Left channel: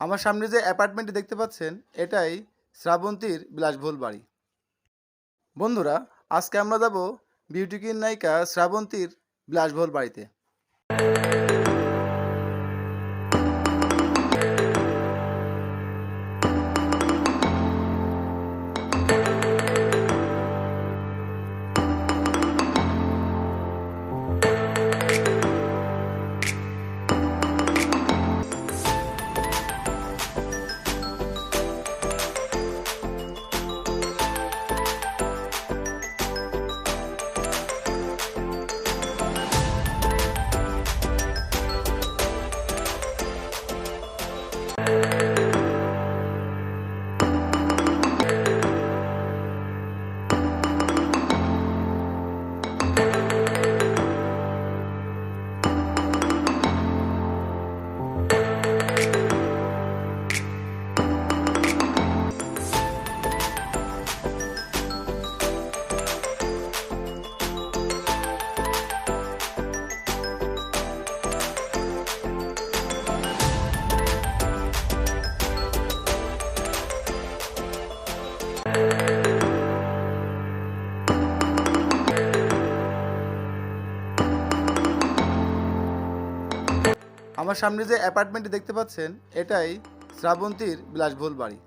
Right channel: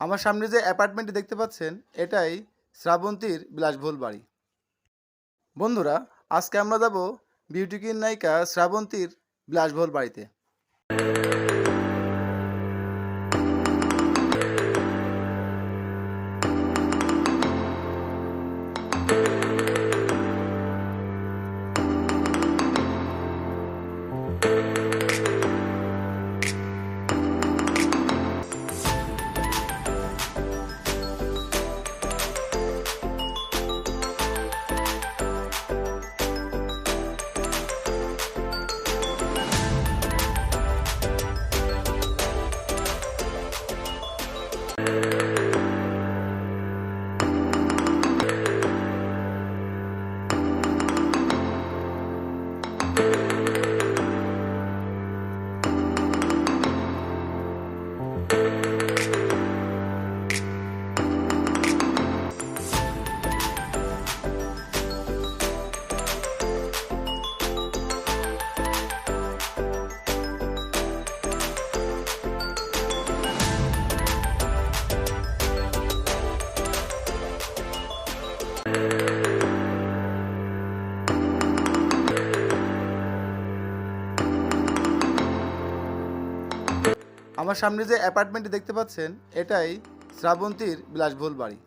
আমার সামনে যে অ্যাপার্টমেন্টটি দেখতে পাচ্ছেন, এটাই শ্রাবন্তীর বিলাসবহুল বাড়ি। বন্ধুরা, আজকে আমরা যাব বিউটি কিন নায়িকা শ্রাবন্তীর বিলাসবহুল বাড়িতে। আমার সামনে যে অ্যাপার্টমেন্টটি দেখতে পাচ্ছেন এটাই শ্রাবন্তীর বিলাসবহুল বাড়ি।